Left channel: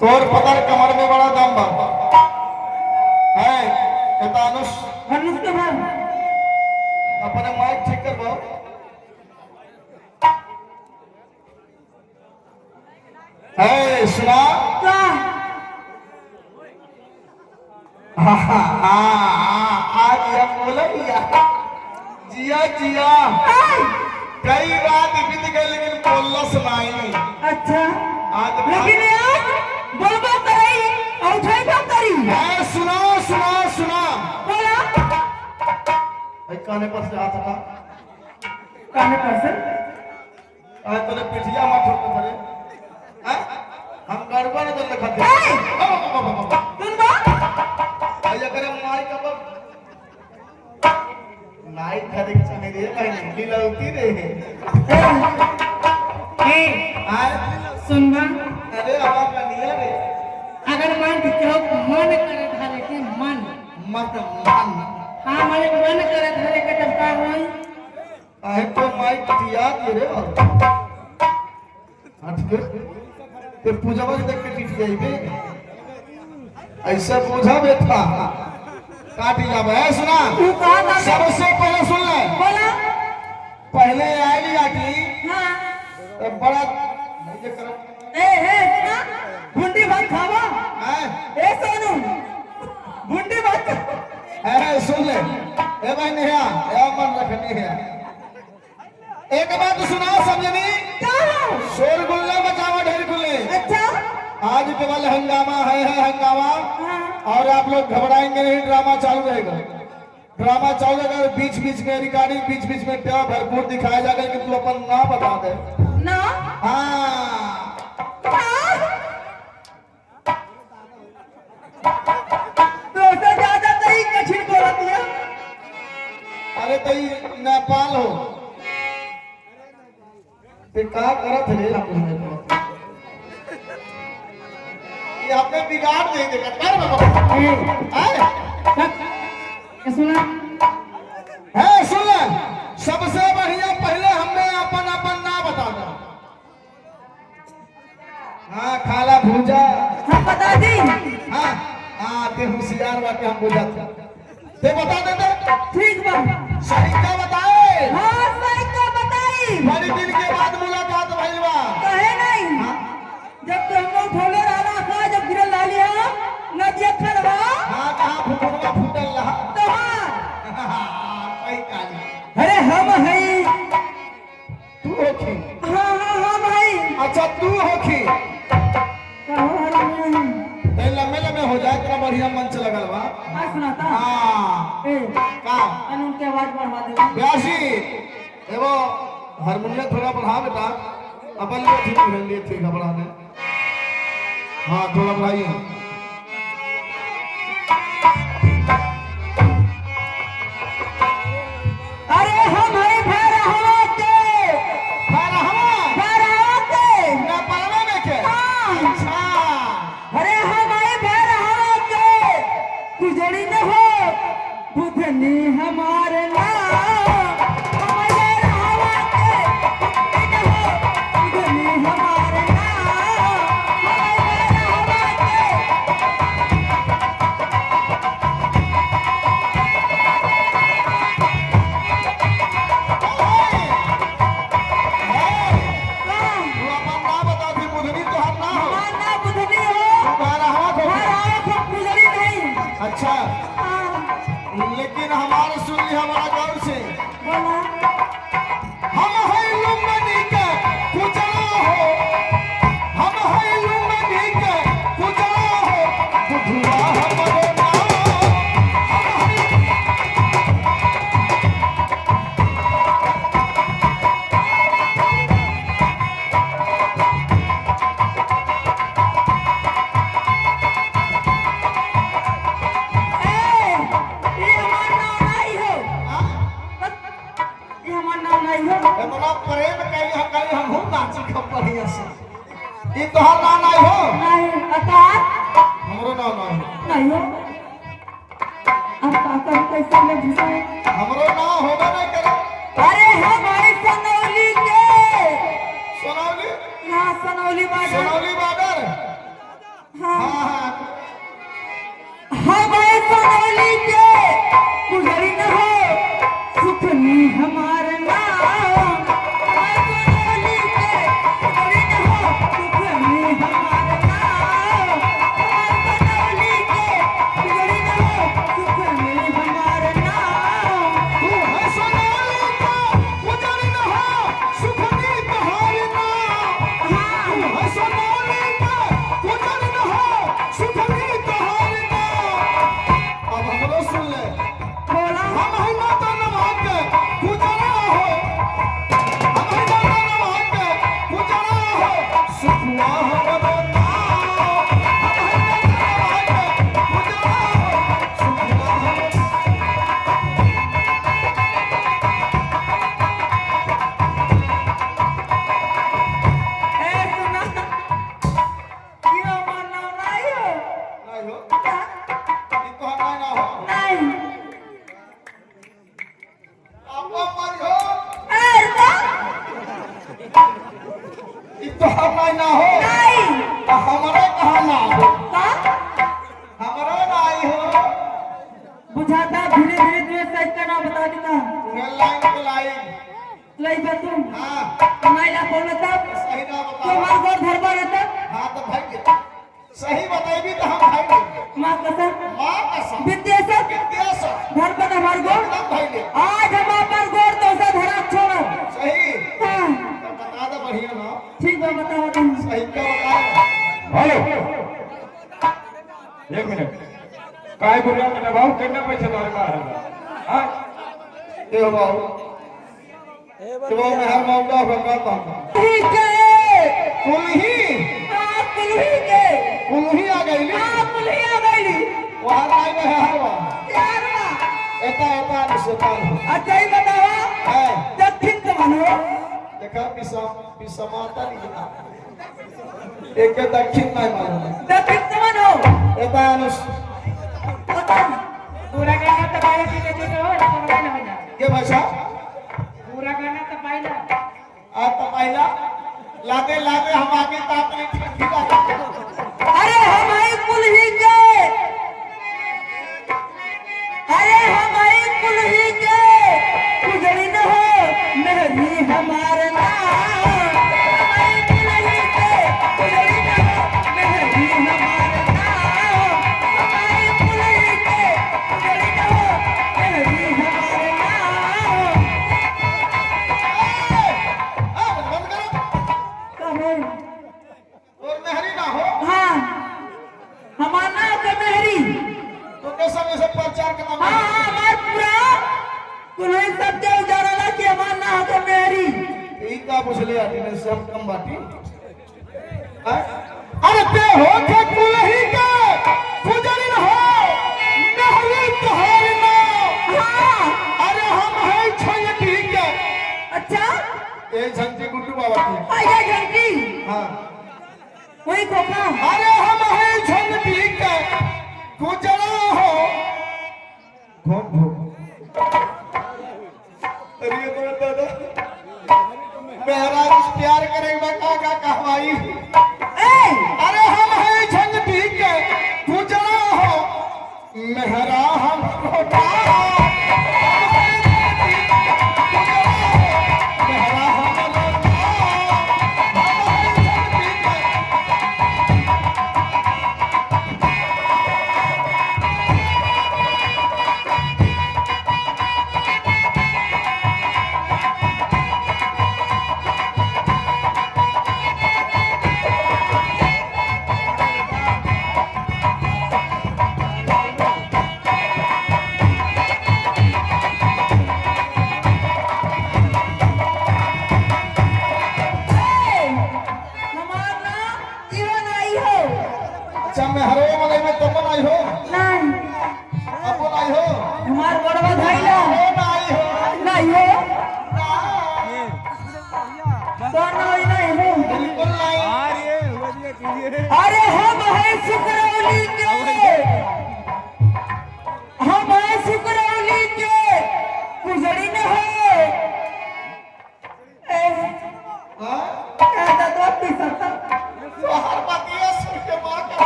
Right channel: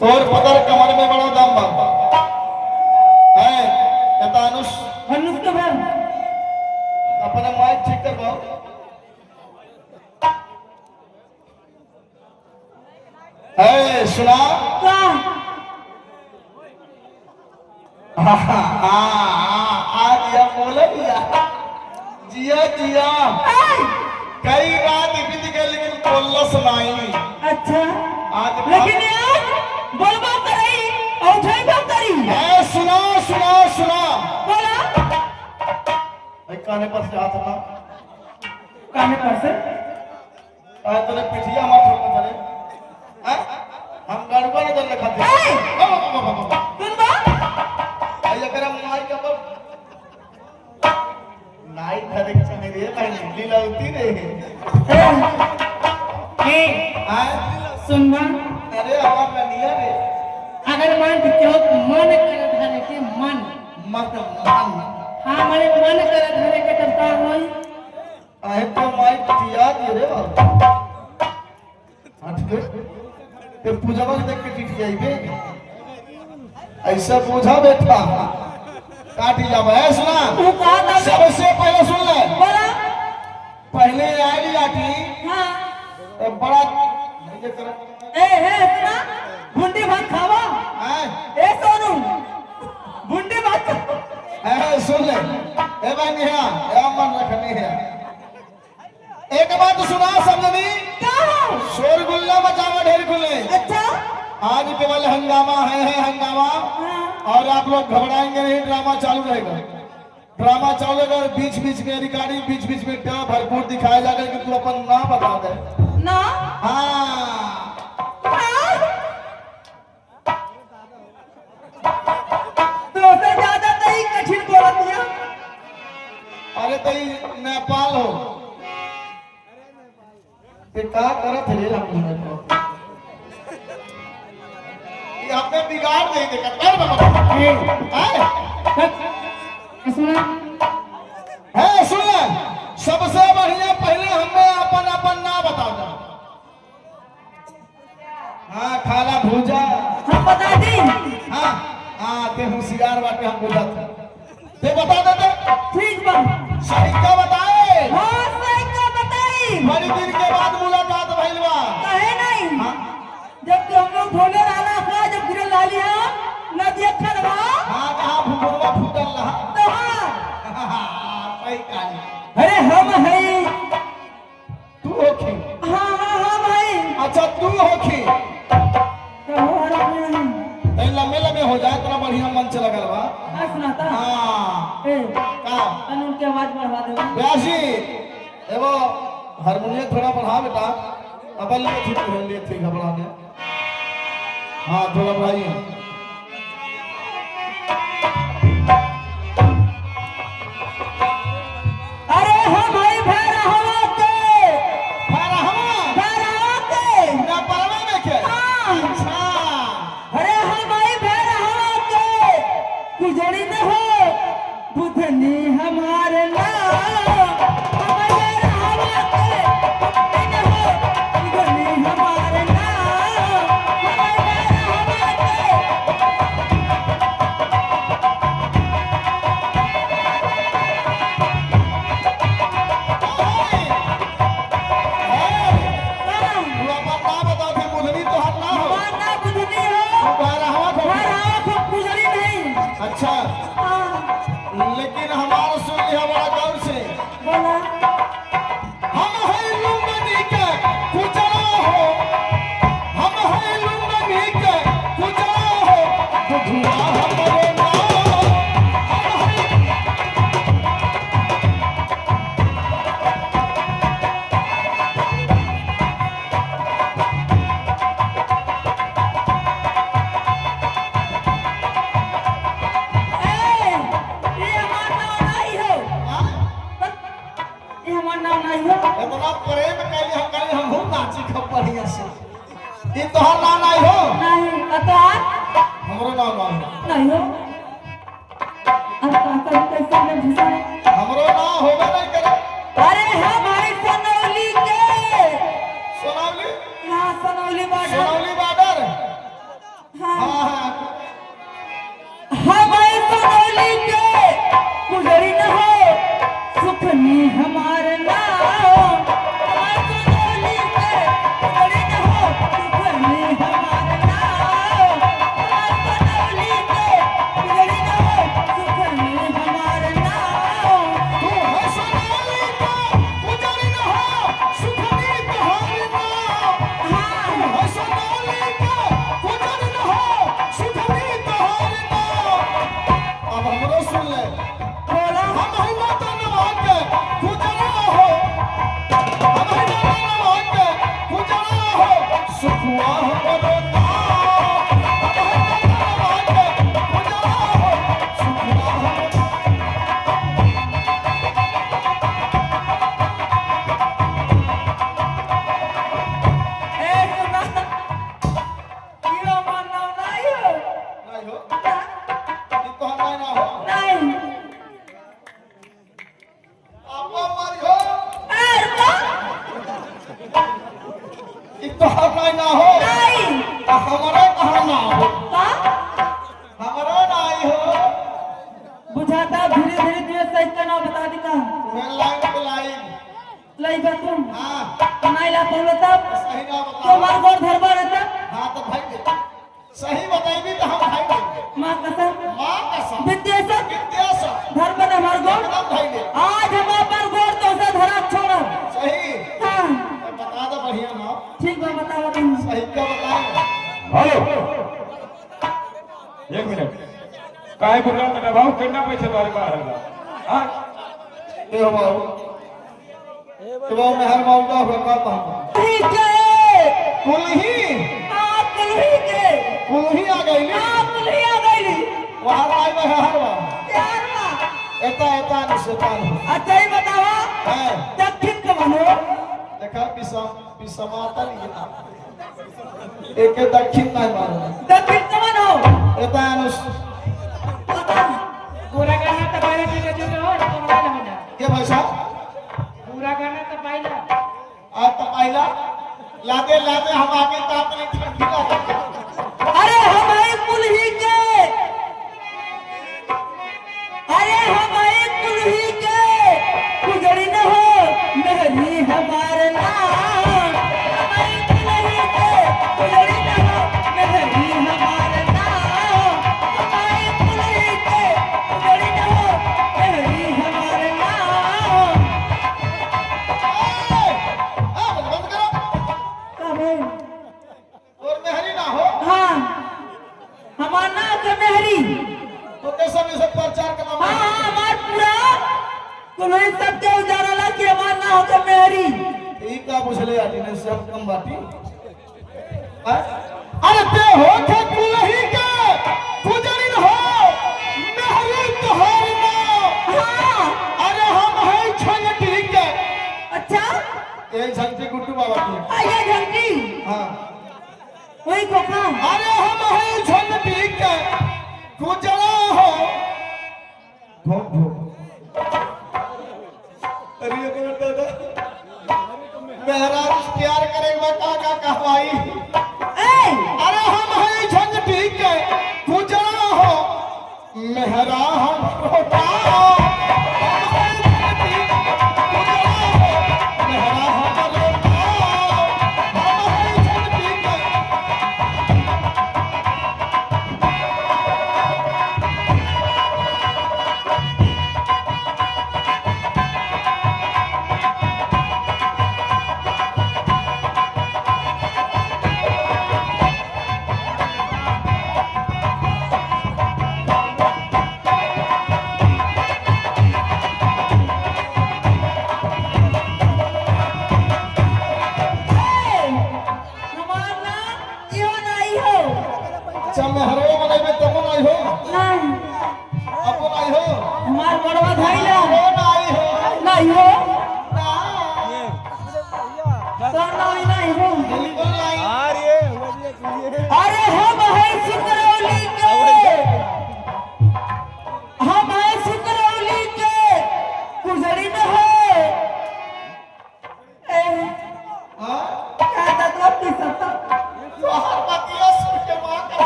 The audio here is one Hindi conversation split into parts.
तोर पतर कमर में बड़ा दम बा है एतानुस अनुस के भाई अपने माइक ठीक कर बा है सुना का आज यह बोले जिया जिया कई बात बीत गई लेकिन बोलस नहीं। अच्छा आज लेकिन यार बोलबा करई और उठाई कब करी है सुना सुना सुना बोला काने पर से हाथ था काने पर से आज तूने पिठिया मत ठोक करे हैं हम गड़बड़ कर रखा थे सुन बा आई अगर हम नाई का पर नाई धरे चने रे भाई लीला उती रे ए आय सुन बा अरे आवाज कनिया रे अगर मान क्यों मन करत हरे के मन मत मान हां मने मन करत हरे के तब का होई आए तो माई पिठिया दे रे हट के फिर पूजावा के देख के टिटी आईबे ऐसा पूजा बैठा काटी जाबे है सुना तू का था सबसे पहले सुन ले बोला पहले आई आटी हां बड़ा ये करो ए हे सुना गुंडी भात खावा हैं ए सोनू गुंडी भात है सुन ले ए भाई नेहा ए मन रखनी है एक बात सुना समझनी क्या हो शोरगुल्ला मचावा ढेर खुले अच्छा आज केवल हंगामा है हंगामा हां और आप लोग घबराएंगे नहीं ड्रामा चालू रहेगा ड्रामा चालू रहेगा बीच बीच में रिकॉर्डिंग बीच बीच में क्या भरपूर दिखाया जाएगा कि तू अपन ना बता दे ना हाँ तो से ज्यादा नहीं कठिन बोला दिया अरे तई नेपाल हो ते का करत रे अपन ये आपने बिगाड़ नहीं देखा कर बाबा ए सुना है सुन ले सबसे बढ़िया पहले हमने अपन अपन ना बता दे हाँ खाला भूजा हम बता दी हाँ हाँ ते होशियार बाटे हम बुझत ते बता दे ठीक बा सही का बताए हां सही को बताई बड़ी दिन के बाद मुलाकात भइल बा कहे नहीं हाँ जब तो हम लोग ढोले रहना था जब गिरल लालिया नदिया खड़वा हाँ कहाँ फुटवा फुटल रहा तहार सही कहानी अरे हम है तू होखी हां भाई अच्छा तू होखी क्या हो रहा है ते लंबे लंबे हो जाए इतना बढ़िया मंच लगल बा आ सुनाता हाँ ए का कानून की आवाज बढ़वा दे ब्यासी एगो हारमोनियम थोड़ा बढ़ा बेटा अपन ले ठीक है ले ठीक है बढ़ाने हाँ थोड़ा बढ़ाइए अरे हम भाई भैरवा के भैरवा के नेपालवा में के हाँ। अच्छा अरे हम भाई भैरवा के गुजरी न हो बुधनी हमारे नाम हमारे भैरवा के गुजरी न हो बुधनी हमारे नाम हमारे भैरवा के नाम तू अपन ना बता थी बुधनी तो हम ना हो हमारा बुधनी हो भैरवा को भैरवा को गुजरी नहीं अच्छा हाँ लेकिन हमारा सुन लिया बड़ा गौर से बोला हम है लुम्बनी के कुचला हो हम है लुम्बनी के कुचला हो बुझला हमरे नाम हम है ए ये हमारा नाम नहीं है ये हमारा नाम नहीं है इतना प्रेम कैली हम कल हम हो नाची खूब बढ़िया से ये तोहर नाम नहीं हो नहीं अतार हमरो नाम नहीं हो नहीं हो अब काका कैसे ले घुसाए हमरो नाम होबे नहीं करे अरे हमारे सनौली के सोनाली यहाँ सनौली बाजार सोनाली बॉर्डर सही बताइबी तो हम खाएंगे माँ कसम मां कसम विद्यासर विद्यास धर्म पर हमारे गोड़ एकदम खाएंगे आज हम पर गोड़ तो उसे धरा छोड़ो सही हाँ बता दो बढ़िया ना ठीक है बताओ तुम सही क्या बताए हेलो एक मिनिट काय बोल रहा मेरा भाऊ कितना पैसे द्वारे का हलवा हां देखो बाबू मैं हर बाबू का होगा तो ठीक है कुलही आप कुल्ही के कुलही आ गई नी आप कुल्ही आ गई वहां आई है हर बाबू यार ना एता निशेतान अच्छा ही बतावा है दक्षिण का बनो देखा पिसमाता नहीं एक के दक्षिण नहीं मानो दक्षिण का बनो एता अनुस पूरा करना तो पहले ठीक है जो हो तो पहले हो जा के भाषा पूरा करना तो पहले आज तो पहला लादे लादे हम आगे तो अपने खिला अरे हमारे कुल्ही के अरे हमारे कुल्ही के गुजरी न हो मेहरी हमारे नाम हमारे कुल्ही के गुजरी न हो मेहरी हमारे नाम हमारे कुल्ही के गुजरी न हो मेहरी हमारे नाम बंद करो कहो और मेहरी ना हो हाँ हमारा नाम का मेहरी तो कैसे में से प्रचार करना हाँ हाँ हमार पूरा कुल्ही सबके उजारा ला के हमारा नाम का मेहरी ठीक का पूछले आटी ने सब कम बाटी अरे ते हो के कुलही के गुजरी न हो मेहरी तोहर ना हाँ अरे हम है छलटी के अच्छा ये झंटी गुड्डू बाबा की आया घंटी हां वही तो काम अरे हम है छलटी के गुजरा हो घोम घोम अरे ये तो दादा मेरा प्यार करेगा का कहवाई ए अरे हम है झंझटी के गुजरा हो मेहरा हम रोटा हमारा यो नहीं हो अच्छा मैं हरो मलाई में तुम नहीं हो नहीं अब नहीं हो हमार बड़वा भाई ना हो नहीं हो नहीं हो ना तो नहीं हो बिल्कुल नहीं अरे हम है सुकरौली के हम है सुकरौली के गुजरी न हो ए हां ऐसा तो पी सकता बाहर बतिया सुन के मां का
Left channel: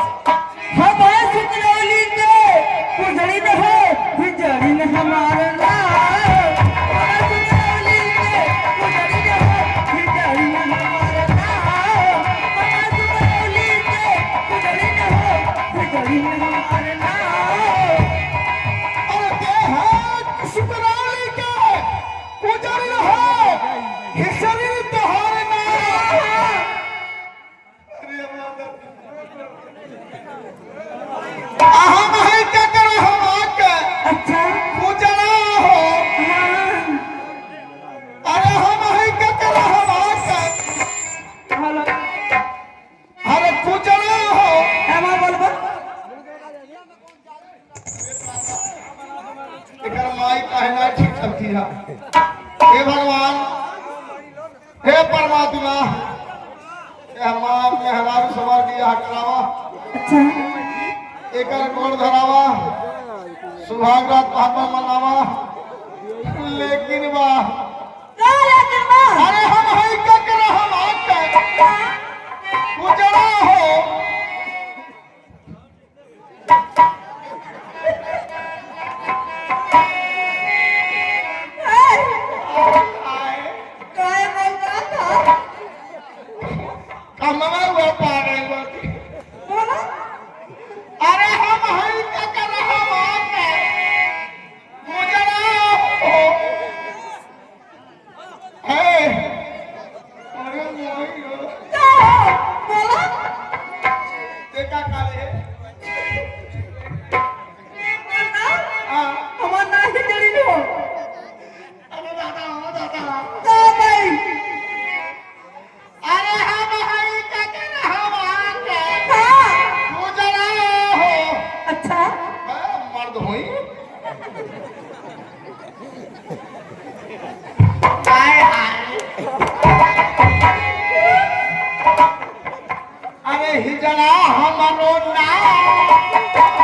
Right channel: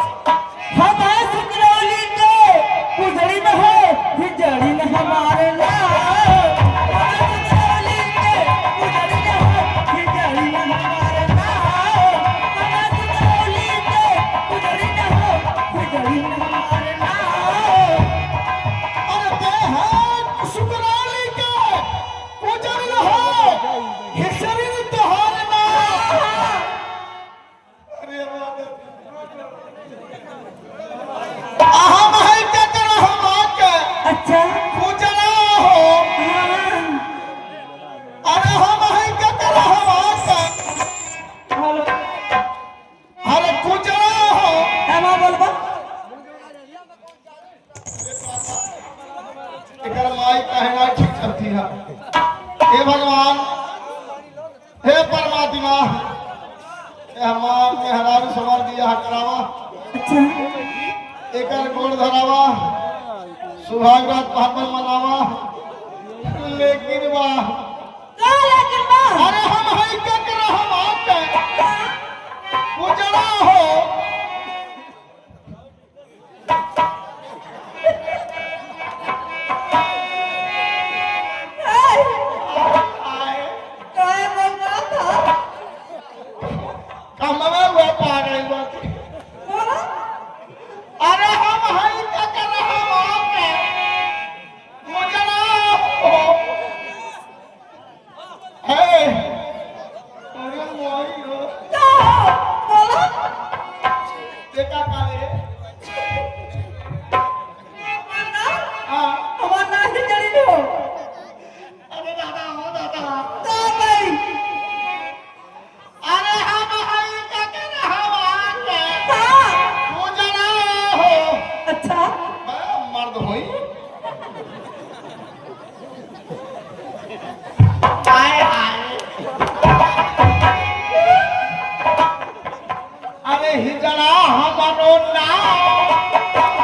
हम है सुकरौली के गुजरी न हो गुजरी न हमारे नाम हम है सुकरौली के गुजरी न हो गुजरी न हमारे नाम हम है सुकरौली के गुजरी न हो गुजरी न हमारे नाम अरे ते है सुकराली के गुजरी न हो ये शरीर तोहर ना अरे हम है क्या कर हम आके अच्छा गुजरा हो हाँ अरे हम है क्या कर हम आके हेलो अरे गुजरा हो एमा बोलबा एकर माई कहना ठीक करती है हे भगवान हे परमात्मा हे हमार मेहरारू सवार दिया हटरावा अच्छा एकर गोड़ धरावा सुहाग रात भागल मनावा लेकिन बा का लेकिन मां अरे हम है क्या कर हम आके गुजरा हो काय मैं का था कमरा हुआ पागल बाकी एका काले हाँ हमार ना खिचड़ी न हो अरे दादा हो दादा तो भाई अरे हम हई कहते ना हम आके हाँ तू जना हो अच्छा मर्द होई हाय हाय अरे ही जना हमरो नाम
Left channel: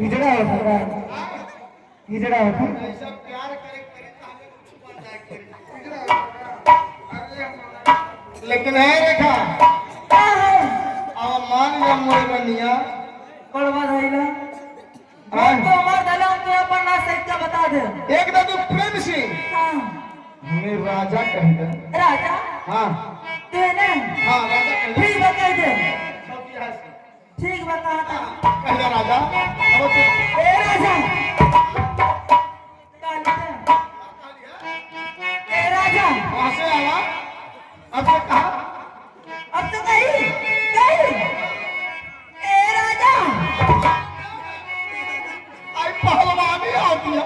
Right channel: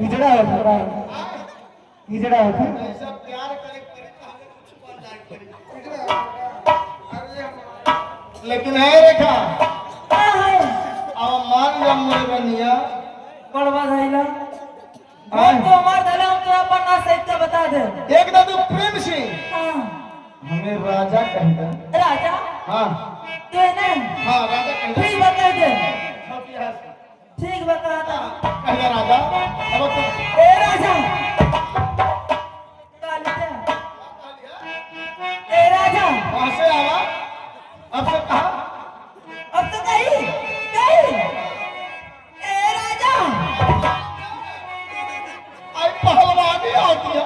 हिजड़ा होता हिजड़ा होता लेकिन है रेखा अब मान जा मोरे बनिया बर्बाद है ना तो मर दला तो अपन ना सही का बता दे एक ना तू प्रेम से हाँ हमें राजा कह दे राजा हाँ तू ना हाँ राजा कह दे ठीक बता दे ठीक बता था कहिया राजा अब तू ए राजा ए राजा वहां से आवा अब से कहा अब तो कहीं कहीं ए राजा आई पहलवानी आती है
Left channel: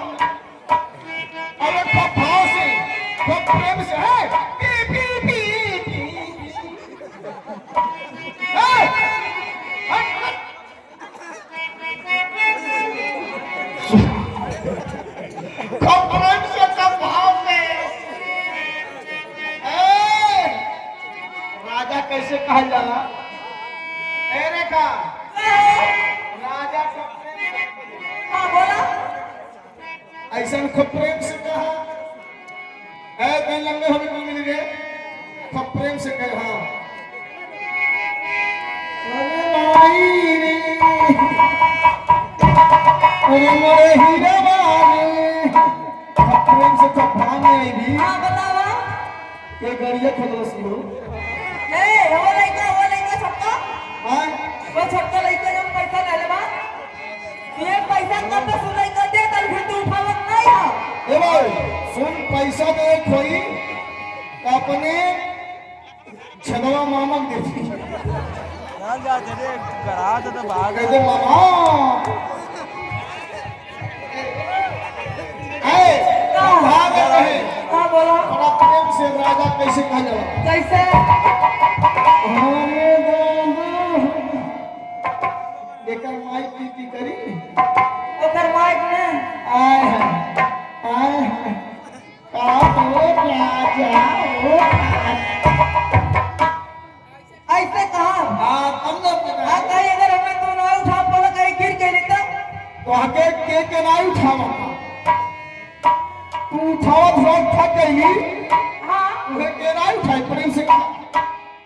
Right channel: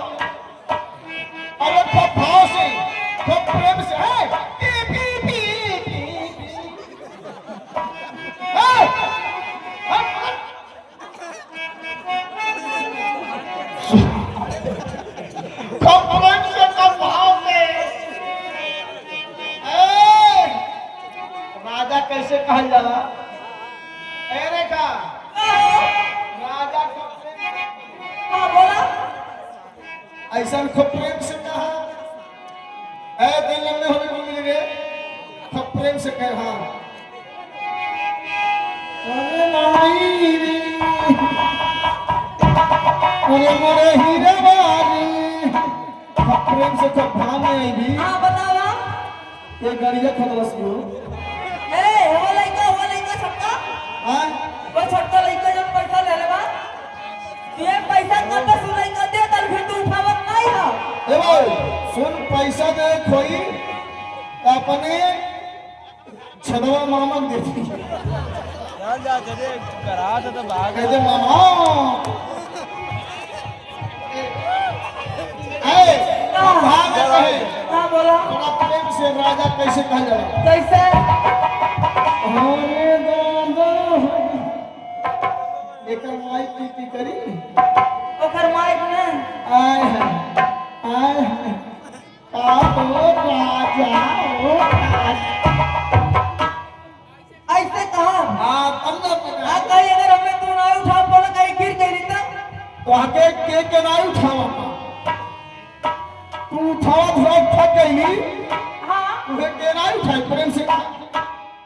अरे खूब भाव से खूब प्रेम से है पी पी पी पी है खूब प्रेम से खूब भाव से राजा कैसे कहा जाला ए रेखा राजा को प्रेम हाँ बोला ऐसा खूब प्रेम से कहा है दिन लंबे होने को मिल गए खूब प्रेम से कह हाँ अरे नारी रे अरे मोरे हीरे वाले खूब प्रेम से खूब भाव में आई भी हाँ बतावा ये गाड़िया खोलस यू ए वो लइका छोटका हाँ वो छोटका लइका जब पैसा ले लेवा ये पैसा कत से लइका दे तब फिर तू उठावत नहीं हो ए भाई सुन पैसा दे कोई तो अपने छदवा मामक देती जा जरे करा तो भाग कहते मामा आए भाग रहे हाँ बोला बड़ा प्रेम से राजा कैसे कह जाला कैसे अरे दादा एकर माई पीती करी ओकर माइक में आए हैं का तो राजा ओ ऐसे कहा हाँ तब ना पता हाँ कहीं अगर हमें तू ना उठा बोला कहीं गिर गई तो तो आके के नहीं उठावा तू उठावा थोड़ा थक गई हाँ उसे के नहीं उठाई प्रेम से कहा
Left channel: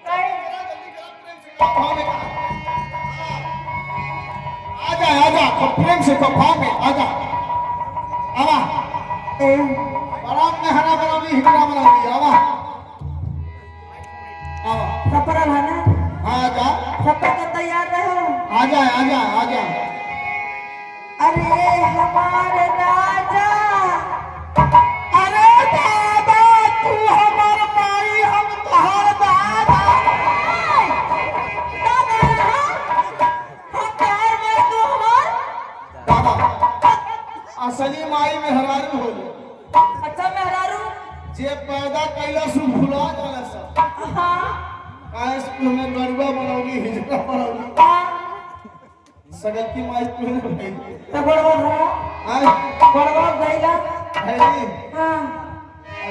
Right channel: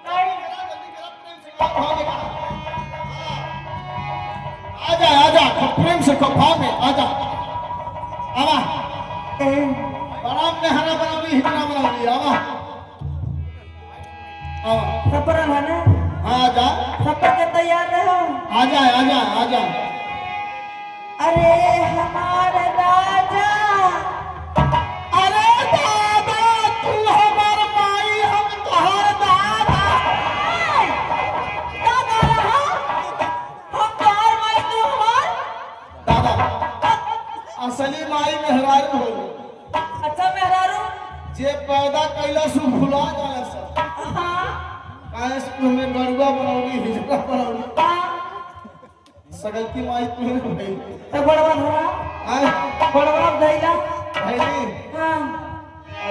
कहीं आजा आजा खूब प्रेम से खूब भाव में आजा आवा आराम में हरा बनाओगी हिजरा बनाओगी आवा आवा सफर है आजा सफर के तैयार रहो आजा आजा आजा अरे हमारे राजा अरे दादा तू हमार माई हम तोहर दादा दादा रहा हम तोहर माई तू हमार दादा असली माई में हरारू हो अच्छा मेहरारू जे पैदा कैला सु भुला जाला सब हाँ काहे स्कूल में गरुआ बनाओगी हिजरा बनाओगी हाँ सगल की माई क्यों नहीं भाई तो बड़वा धरा आए बड़वा गईला हैरी हाँ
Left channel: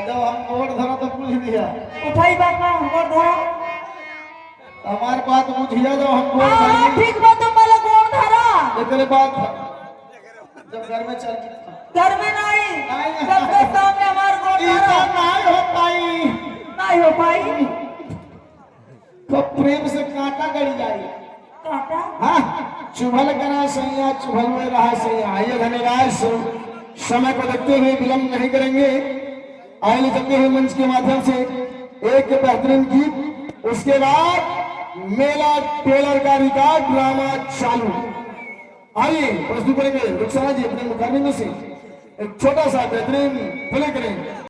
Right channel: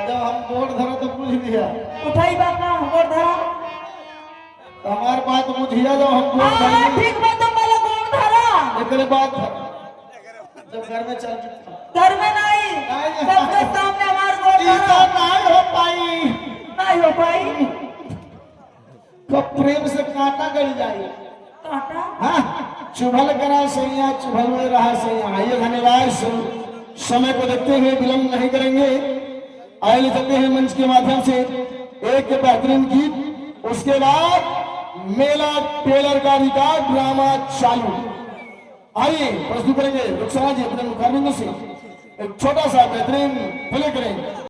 जब हम गोड़ धरा तो पूछ दिया उठाई बात ना गोड़ धरा तो हमार बात बुझिया जब हम गोड़ हाँ धरी ठीक बात तो पहले गोड़ धरा एकरे बाद जब घर में चल घर में नहीं नहीं। सबके सामने हमार गोड़ इतना धरा नहीं हो पाई नहीं हो पाई तो प्रेम से कांटा गड़ जाए काटा हाँ, चुभल करा सैया, चुभल में रहा सैया। आइए धन्यवाद। समय को देखते हुए विलंब नहीं करेंगे, आइए चलते हैं मंच के माध्यम से एक बेहतरीन गीत, उसके बाद मेला टेलर का रिकॉर्ड ड्रामा चालू। आइए प्रस्तुत करेंगे रुखसाना जी अपने मुखारबिंदों से एक छोटा सा बेहतरीन प्ले करेंगे।